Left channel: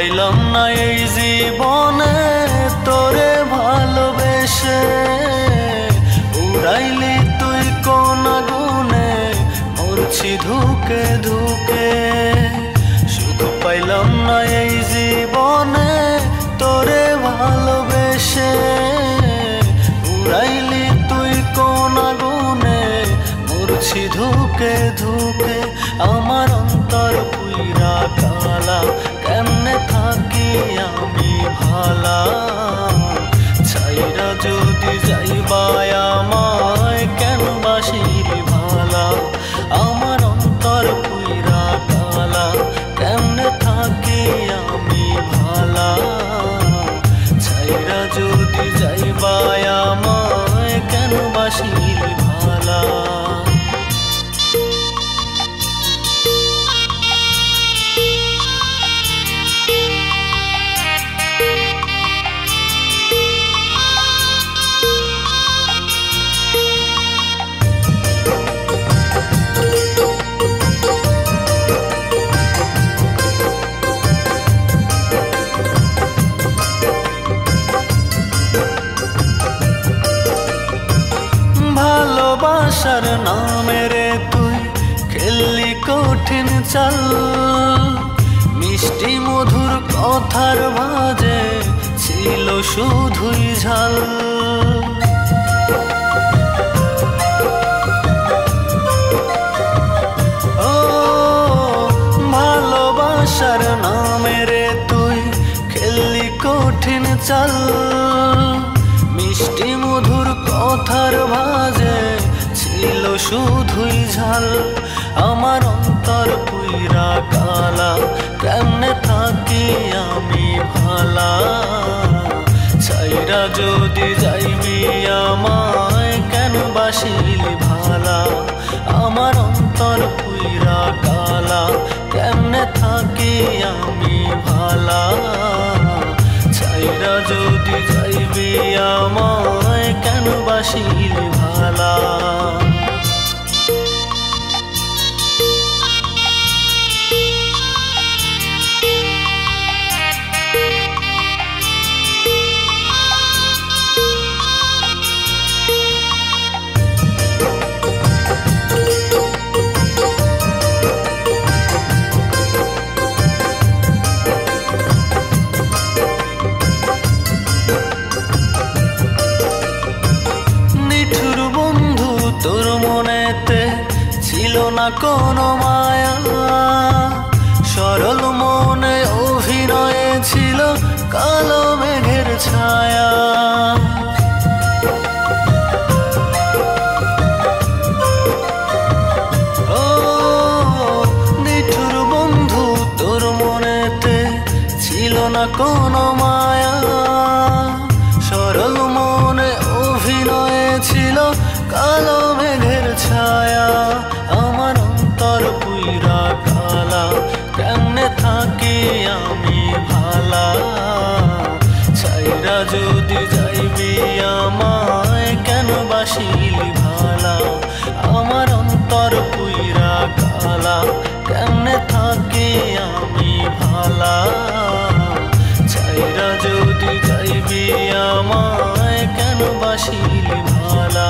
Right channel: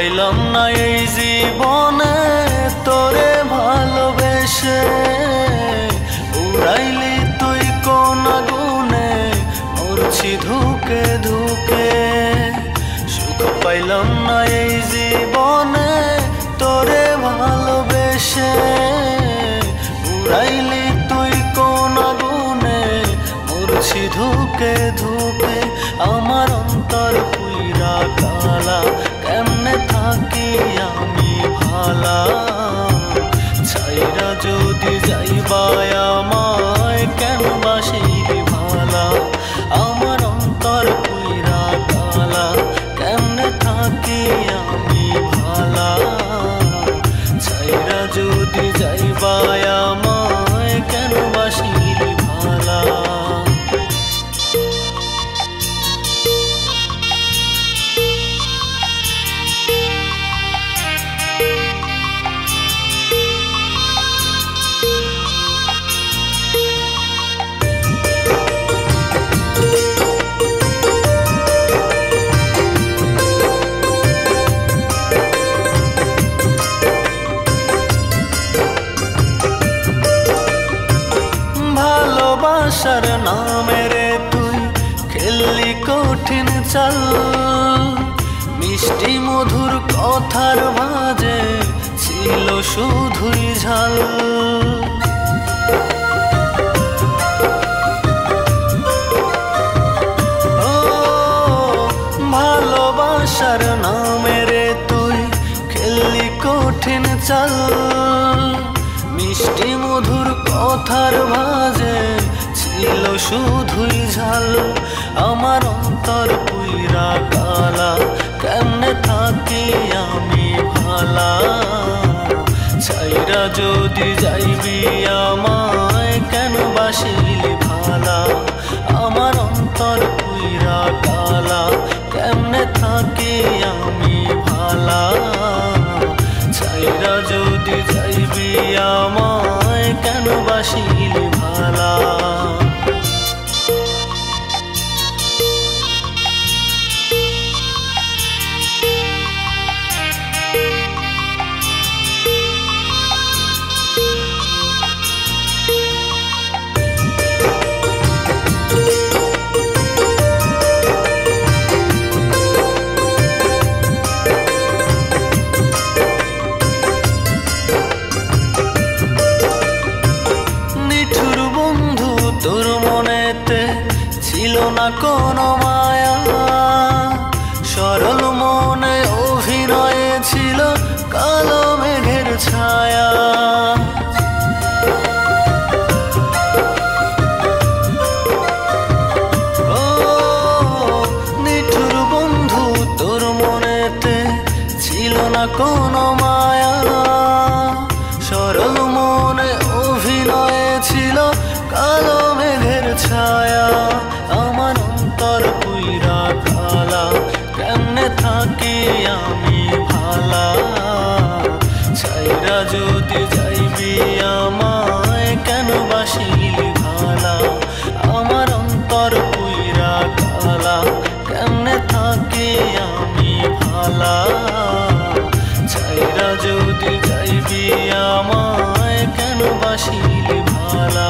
পাইলাম না এই জীবনে তোরে ভালোবেসে, উড়াইলি তুই কোন আগুনে মরছি ধুকে ধুকে। সুখ পাইলাম না এই জীবনে তোরে ভালোবেসে, উড়াইলি তুই কোন আগুনে মরছি ধুকে ধুকে। আমার অন্তর পুইরা কালা, কেমনে থাকি আমি ভালা। ছাইরা যদি যাইবাই আমায় কেন বাসিলি ভালা। আমার অন্তর পুইরা কালা, কেমনে থাকি আমি ভালা। ছাইরা যদি যাইবাই আমায় কেন বাসিলি ভালা। ভালোবাসার নামে রে তুই খেললি কঠিন চাল, মিষ্টি মধুর কথার ভাজে ছিল শুধুই ঝাল। ও ভালোবাসার নামে রে তুই খেললি কঠিন চাল, মিষ্টি মধুর কথার ভাজে ছিল শুধুই ঝাল। আমার অন্তর পুইরা কালা, কেমনে থাকি আমি ভালা। ছাইরা যদি যাইবি আমায় কেন বাসিলি ভালা। আমার অন্তর পুইরা কালা, কেমনে থাকি আমি ভালা। ছাইরা যদি যাইবি আমায় কেন বাসিলি ভালা। নিঠুর বন্ধু তোর মনেতে ছিল না কোনো মায়া, সরল মনে অভিনয়ে ছিল কালো মেঘের ছায়া। ও নিঠুর বন্ধু তোর মনেতে ছিল না কোনো মায়া, সরল মনে অভিনয়ে ছিল কালো মেঘের ছায়া। আমার অন্তর পুইরা কালা, কেমনে থাকি আমি ভালা। ছাইরা যদি যাইবি আমায় কেন বাসিলি ভালা। আমার অন্তর পুইরা কালা, কেমনে থাকি আমি ভালা। ছাইরা যদি যাইবি আমায় কেন বাসিলি ভালা।